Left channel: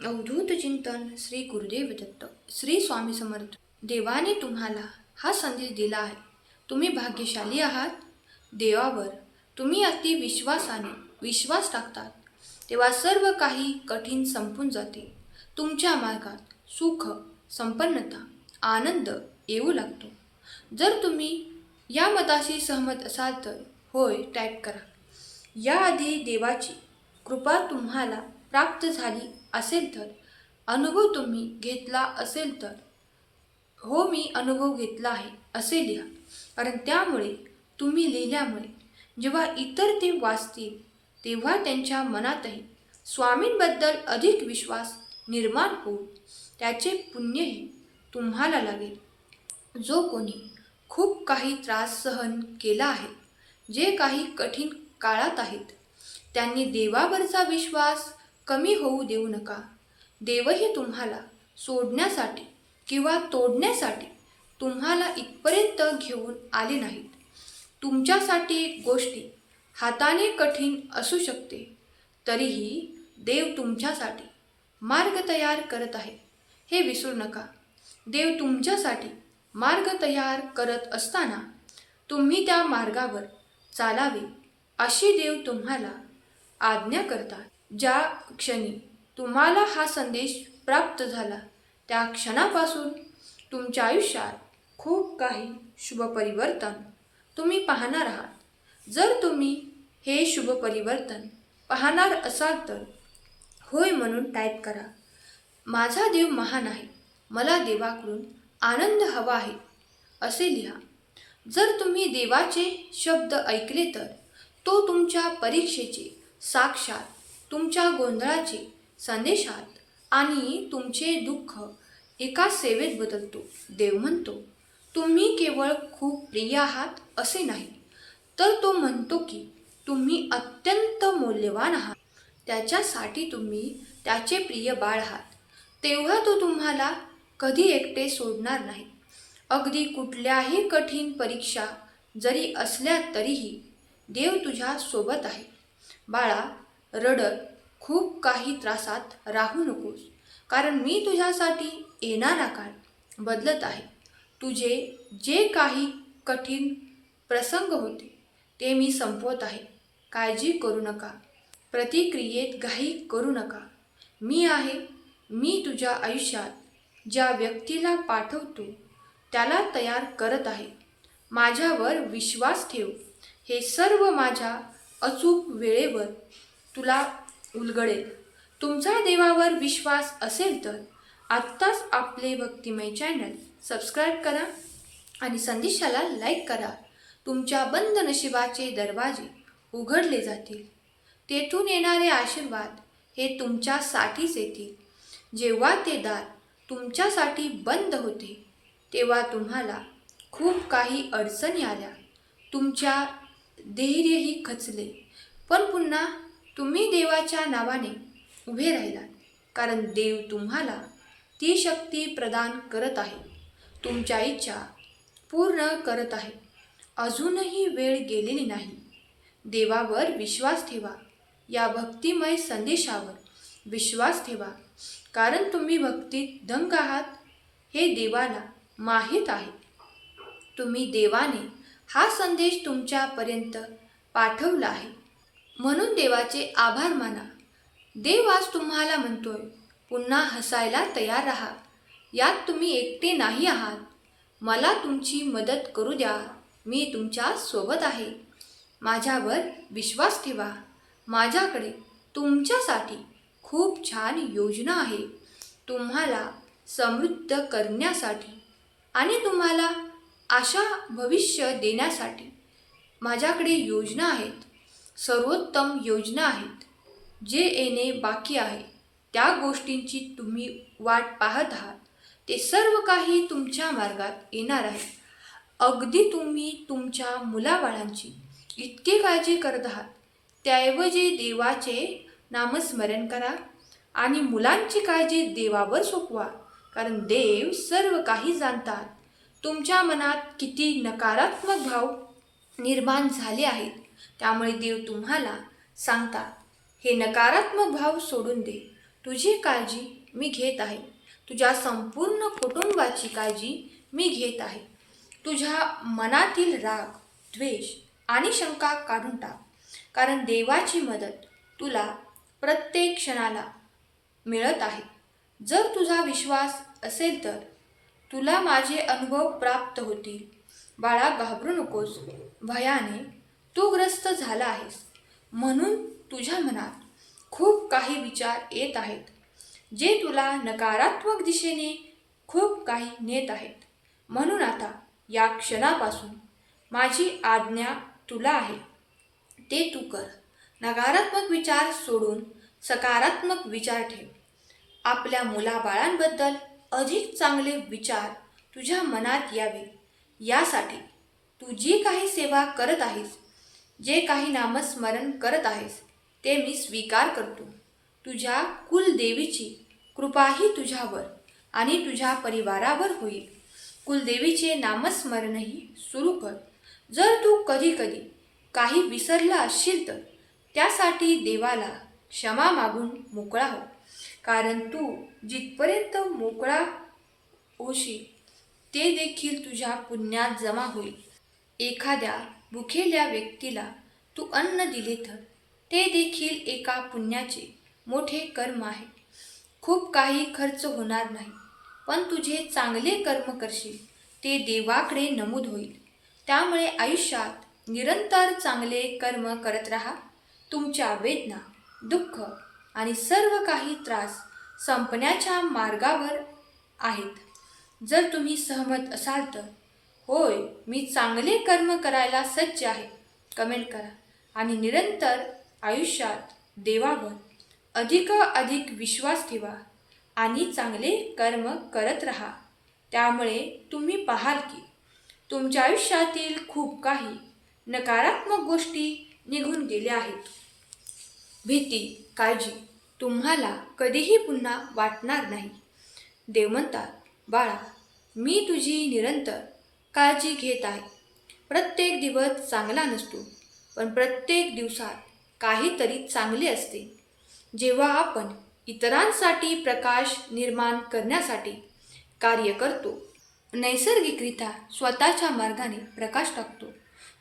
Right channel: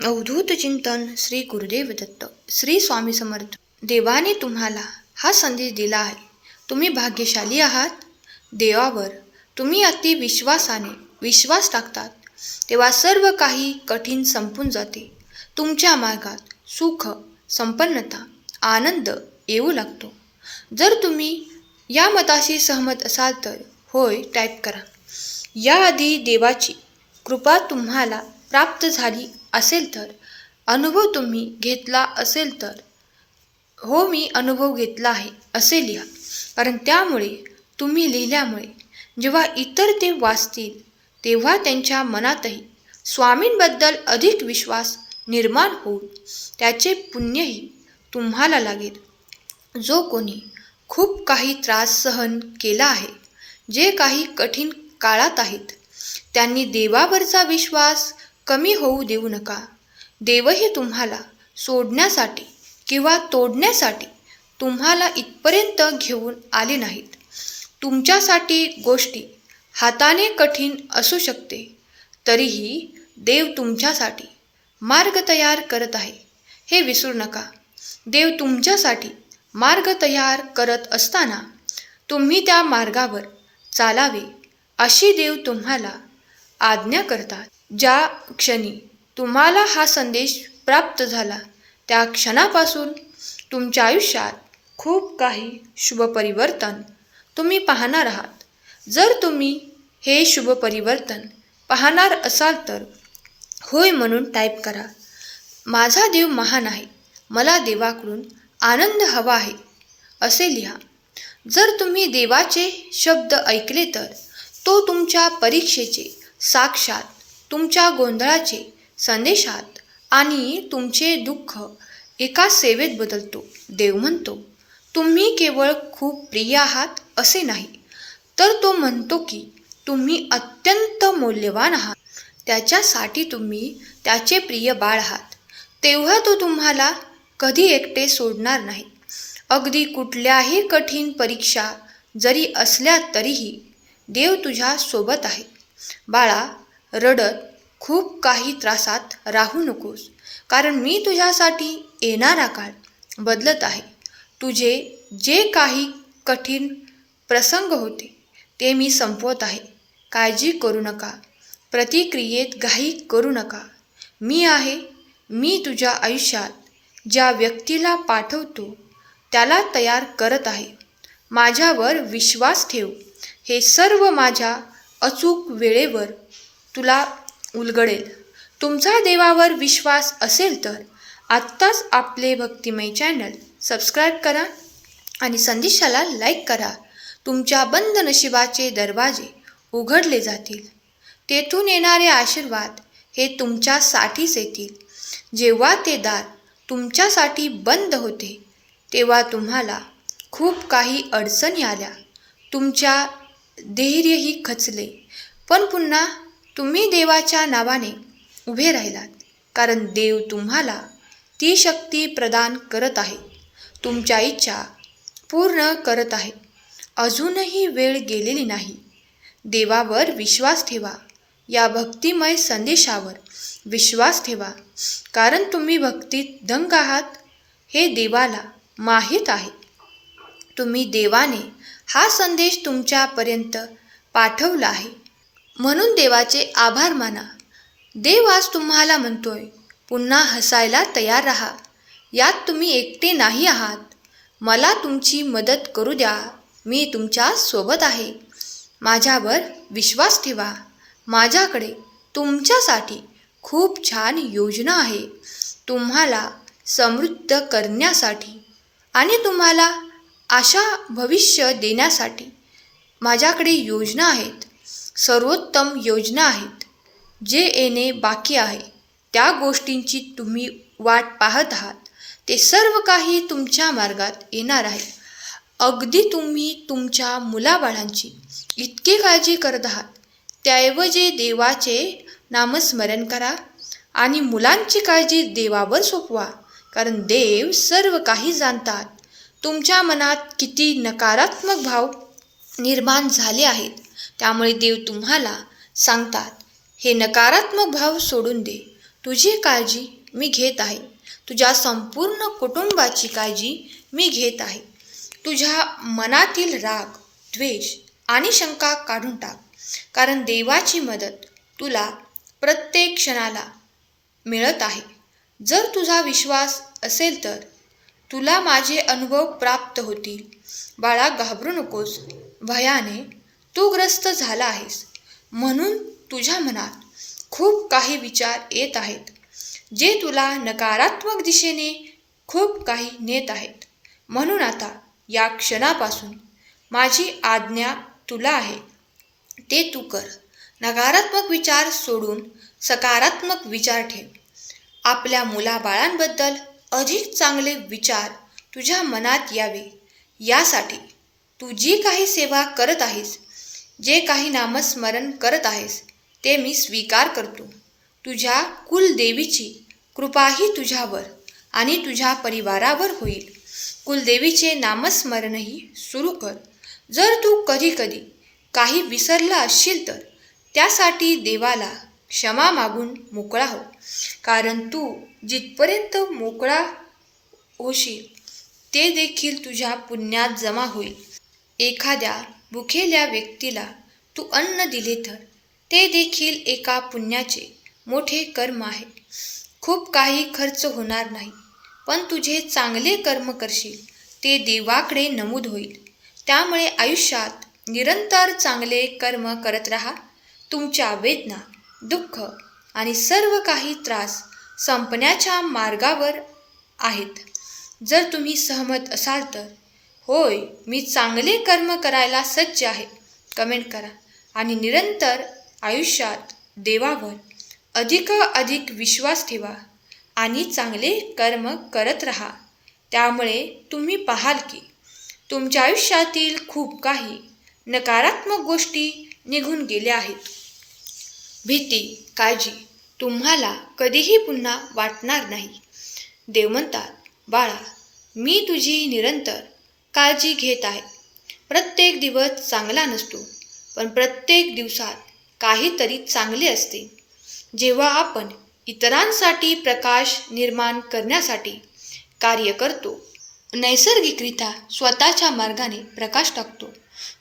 अवधूत चिंतन श्री गुरुदेव दत्त श्री स्वामी समर्थ. देवाने तुम्हाला हा संदेश दिला आहे. तुम्ही भाग्यशाली आहात. देवावर तुम्ही अति विश्वासाने विश्वास टाकतात तेव्हा सर्व काही कठीण संपून जाते. तुमच्या मार्गात सुख, संपन्नता, आनंद येऊ लागतो. जर तुम्ही या मताशी सहमत असाल तर होय टाईप करा. याआधी देवाची कृपा तुम्हाला प्राप्त झाली असेल तर, अनुभव तुम्ही घेतला असेल तर हो मी अनुभव घेतला आहे असे लिहा. कारण त्यामुळे तुम्ही लिहिल्यामुळे जेव्हा इतर ते वाचतील तेव्हा त्यांच्या मनातही स्वामींबद्दल अधिक विश्वास निर्माण होऊन त्याचे पुण्यही तुम्हाला लागेल. जो कोणी खूप काही त्रास सहन केला आहे, जे काही कठीण काळात आहेत, त्यांनी देवावरचा विश्वास कमी होऊ देऊ नका. देवही तुम्हाला सोडण्यासाठी किंवा तोडण्यासाठी तुम्हाला इथपर्यंत घेऊन आले नाहीत. तुमच्यासाठी गोष्टी हाताने कठीण असू शकते, तरीही देव तुमच्यासाठी मार्ग तयार करत आहे हे विसरू नका. देव तुमच्यासाठी मार्ग तयार करत असताना तुम्ही त्या मार्गावर चालावे अशी देव तुम्हाला आज्ञा करतात. ज्या क्षणी तुम्हाला हा संदेश प्राप्त झाला त्या क्षणापासून तुमच्या आयुष्यात खूप काही शुभ परिवर्तन तुम्ही पाहणार आहात. जर तुम्ही हे शुभ परिवर्तन पाहणार असाल तर होय म्हणून टाईप करा. माझा देव महान आहे, मला देवाकडून आनंद हवा आहे असे लिहा. जर तुम्ही देवाचे शब्द ऐकले तर तो तुमच्या परीक्षेचे साक्षात तुमच्या गोंधळाचे संदेशात आणि तुमचे दुःख एका सेवेत बदलतो. देव म्हणतो तुम्ही केवळ खूप प्रिय आहात असे नाही, तर तो म्हणतो की तुम्ही अत्यंत मौल्यवान आहात. त्याच्यासाठी तुम्ही त्याचे प्रिय बाळ आहात. तेव्हा तो तुम्हाला कधी एकटे सोडणार नाही. अगदी कुठल्याही कठीण परीक्षा जरी असल्या तरीही देव तुझ्या सोबत आहे. बाळा, रडत खूप काही त्रासात राहू नकोस, कारण मी तुझ्यासाठी येणारा काळ बदलत आहे. तुझे जे काही कठीण प्रसंग होते ते मी संपवत आहे. काळजी करू नका, प्रतिक्रियेत घाई करू नका. मी आहे. मी तुझ्या आयुष्यात ज्या व्यक्तीला पाठवतो त्याला तयार करत आहे. माझ्यावर विश्वास ठेव. हे सर्व माझ्या अचूक वेळेवर तुला उलगडेल. तुमचा देवावर विश्वास असेल तर आत्ताच आपले भक्तिमय चॅनल सबस्क्राईब करा आणि संदेशाला लाईक करा. तुमच्या बंद नशिबाचे दरवाजे उघडले जातील. तेथून येणारे आशीर्वाद हे तुमच्यासाठीच येतील. जेव्हा ते दार तुमच्यासाठी बंद होते तेव्हा तुम्हाला खूप काही अडचणी आल्या. तुमच्या धैर्यही खचले, पण पुन्हा तुम्ही देवाच्या नावाने उभे राहिलात, कारण देव तुम्हाला ती शक्ती प्रदान करत आहे. तुमच्या इच्छा पूर्ण करत आहे. अजूनही वेळ गेलेली नाही. देवावर विश्वास ठेवा. या भक्तिमय संदेशावर विश्वास ठेवा, कारण तुम्ही भक्तीत दंग आहात हे देवाला माहीत आहे. तुम्ही देवाने हा संदेश तुमच्यापर्यंत पाठवला आहे म्हणून देवाचे आभार माना. देव आज तुम्हाला म्हणतोय पुन्हा हसायला तयार राहा. यात तुम्ही एकटे नाही आहात. मला तुमची मदत करू द्या. मी तुमच्या सोबत आहे. माझ्यावर विश्वास ठेवा. माझ्याकडे तुमच्यासाठी खूप छान योजना आहे. तुम्हाला समृद्ध करण्यासाठी आणि तुम्हाला आशा भविष्य देण्यासाठी माझ्याकडे योजना आहेत. सर्वोत्तम योजना आहेत. जे येणे बाकी आहे, त्या गोष्टींची तुम्ही वाट पाहत आहात, ते सर्व काही तुमच्या मार्गात येणार आहे. अगदी तुम्ही तुमच्या मुलाबाळांची इतकी काळजी करत आहात, त्याऐवजी देवाचे नामस्मरण करा आणि मुलांची काळजी देवावर सोपवा, कारण देव सर्व काही जाणतात. तुमच्या मनात किती नकारात्मक भाव निर्माण झाले आहेत, त्यामुळे देव तुम्हाला सांगतात हे नकारात्मक भाव सोडून दे. तुझी काळजी मी घेत आहे. तुझ्या संपूर्ण कुटुंबाची काळजी मी घेत आहे. तुझ्या मनातील राग, द्वेष आणि शंका काढून टाक. कारण देवाची मदत तुला प्रत्येक क्षणाला मिळत आहे. जर तुझा विश्वास असेल तर तुला माझे अनुभव प्राप्त होतील. बाळा, घाबरू नकोस. भयाने तू ग्रस्त झाला आहेस म्हणून तुझ्या मनात खूप काही विचार येत आहेत, जे तुला नकारात्मक दिशेने खूप काही नेत आहेत. म्हणून आता या क्षणापासून माझी आज्ञा तुला आहे, ते तू कर. नकारात्मक विचार सोडून सकारात्मक विचार ठेव. आपल्या मुलाबाळांबद्दल अधिक चांगले विचार तुझ्या मनात यावे, यासाठी तू जी काही सेवा करत आहेस, जे काही नामस्मरण करत आहेस, ते मी स्वीकार करतो. तुझ्या कुलदेवीची कृपाही तुझ्यावर आणि तुझ्या परिवारावर होईल. कुलदेवीचे नामस्मरणही सुरू कर. जर तू कधी कधी काही विसरला असशील तर त्यासाठी देवाला क्षमा मागून मोकळा हो. कारण तू जिथपर्यंत मोकळा होशील ते देखील तुझ्या पुण्यात जमा होईल. एखाद्या भुकेल्या व्यक्तीला तू अन्न दिले तर ते देखील एका पुण्याचे मोठे कर्म आहे. खूप काही खर्च होणार नाही, पण तुझे चांगले कर्म करशील ते देवाकडे नमूद होईल. त्यामुळे आयुष्यात निरंतर चांगले कर्म करत राहा. तुमच्या वेदना, दुःख आणि सर्व काही त्रास संपण्याच्या मार्गावर आहेत. जर तुम्ही सहमत असाल तर होय, मी चांगले कर्म करायला सज्ज आहे कमेंट करा आणि निरंतर आयुष्यात देवावर अधिक विश्वास ठेवा आणि चांगले कर्म करत राहा. त्यामुळे तुम्ही पाहाल की तुमच्या आयुष्यातील खूप काही नकारात्मक गोष्टी निघून गेल्या आहेत. भीती, काळजी तुम्हाला कधीही पुन्हा वाटणार नाही. देव म्हणतात, बाळा, मी तुझी निरंतर काळजी घेत आहे. प्रत्येक दिवस चांगला नसतो, पण प्रत्येक दिवसात काहीतरी चांगले असते. जेव्हा आपण इतरांसाठी प्रकाश निर्माण करण्यासाठी कार्य करतो, नैसर्गिकरित्या स्वतःच्या मार्गाने प्रकाश टाकतो.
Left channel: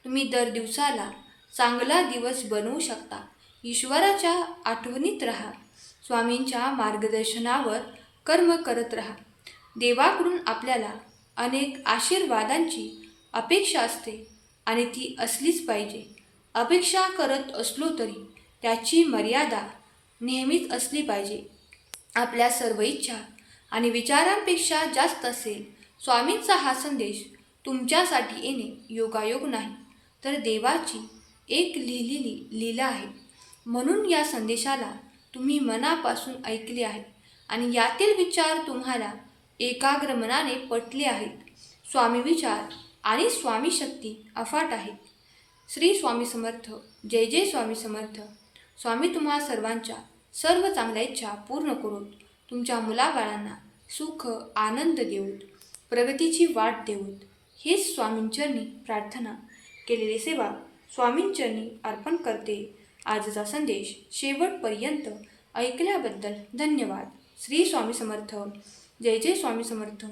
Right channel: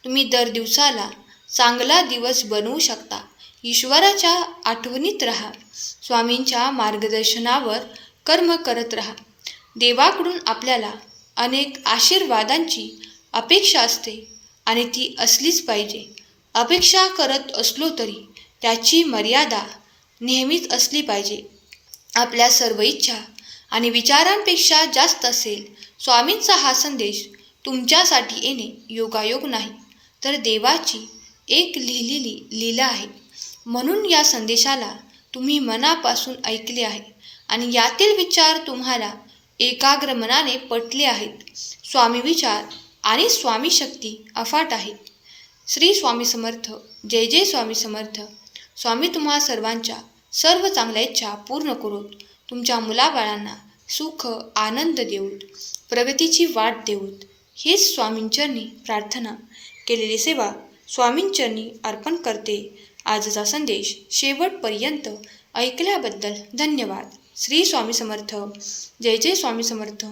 तुम्ही दर दिवसाला चांगला दिवस बनवू शकता. ईश्वराच्या आठवणीत राहा. स्वामींच्या मार्गदर्शनावर कर्म करत राहा. देवाकडून आपल्याला अनेक आशीर्वादांची अपेक्षा असते आणि ती असलीच पाहिजे. अपेक्षा करत असलो तरी त्याची मर्यादा नेहमीच असली पाहिजे. आपल्या सर्व इच्छा आणि विचारांपेक्षा जास्त असेल. स्वामींचा हा संदेश तुमच्यासाठी येणे योगायोग नाही, तर देवाची एक लिहिलेली लीला आहे. म्हणून या संदेशाला तुम्ही मनापासून ऐकले आहे आणि यातील विचार तुम्हाला एकाग्र मनाने पटले आहेत. स्वामी विचार आणि स्वामी शक्ती अफाट आहेत. श्री स्वामी समर्थ. जय जय स्वामी समर्थ. स्वामी तुम्हा सर्वांच्या सर्व चांगल्या इच्छा पूर्ण करोत. तुमच्या मुलाबाळांना सुख आनंद देऊत, प्रगतीची वाट देऊत. हेच स्वामींचरणी प्रार्थना केलेली सेवा स्वामींचरणी अर्पण करते. आजचा संदेश शेवटपर्यंत ऐकल्याबद्दल धन्यवाद. श्री स्वामी समर्थ. जय जय स्वामी समर्थ.